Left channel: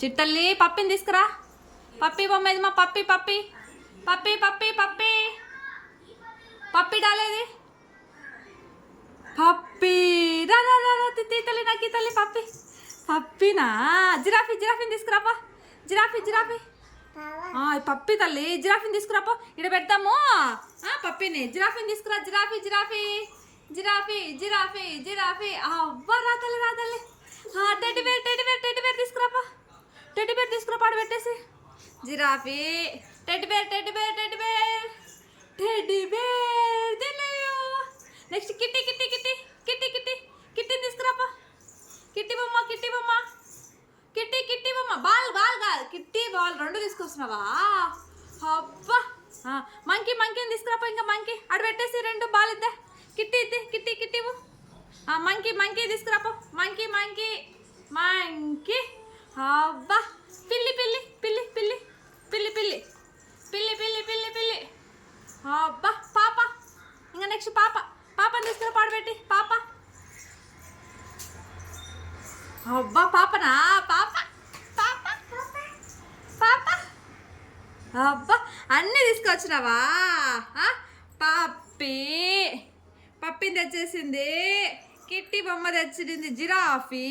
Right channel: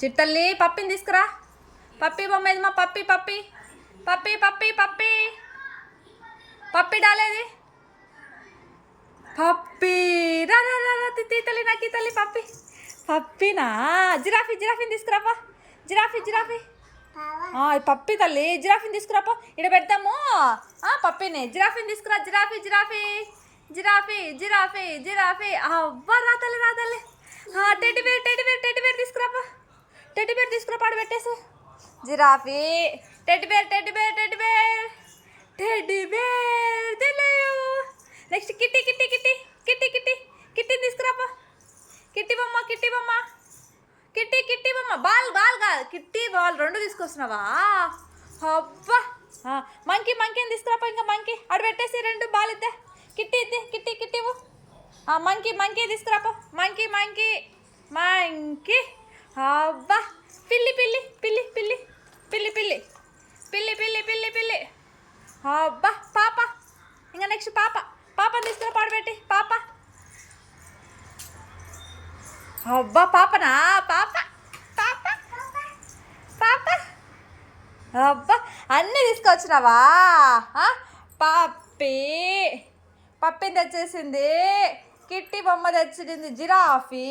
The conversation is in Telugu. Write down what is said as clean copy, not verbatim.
చిట్టల్లి పప్పిని తీసుకురా. పప్పి బొమ్మ ఏది మా పప్పి పప్పి పప్పి పప్పి పప్పి పప్పి డాలేది పప్పి రా రా రా రా తల్లి నాకు తల్లి పప్పి పప్పినా జిరాఫీ జిరాఫీని తీసుకురాపా. జిరాఫీ జిరాఫీ పప్పి తల్లి జిరాఫీని తీసుకురాపో. ఇక్కడ పెడతాము పప్పిని. జిరాఫీని తీసుకురా. Giraffe giraffe giraffe giraffe giraffe అవ్వ రా తల్లి రా తల్లి. Teddy bear teddy bear teddy bear తీసుకురాపా. టెడ్డి బేర్ తీసుకురాపా ఆడ పెట్టేసి. Giraffe teddy bear teddy bear teddy bear teddy bear తెలియదు. Next kitty kitty kitty kitty kitty కిట్టిని తీసుకురాపా. కిట్టి బొమ్మ కిట్టి బొమ్మ కిట్టి కిట్టి బొమ్మ. బాల్ బాల్ కాదు కిట్టి బాల్ రెండు తీసుకొస్తున్నావా? అబ్బా మంకీ మంకీని తీసుకురాపా. ఇంకా మంకీ ఆడ పెట్టేసి రెండు బాల్ ఇద్దా. కిట్టి ఇద్దే కిట్టి కిట్టి మంకీ మంకీ తీసుకురాపో. మంకీ మంకీ మంకీ అబ్బా. పిల్లి పిల్లి పిల్లి పిల్లి పిల్లి పిల్లి పిల్లి పిల్లి పిల్లి పిల్లి అబ్బా. పాప ఇంకా నెక్స్ట్ పాప. పాపని తీసుకురా పాడబెట్టి. పాప అబ్బా. పాపనా పాప పాప పాప అబ్బా. అన్నీ తీసుకొచ్చినావా? పప్పి పప్పిని తెచ్చేసింది. కిట్టి బొమ్మ తెచ్చింది. జిరాఫీ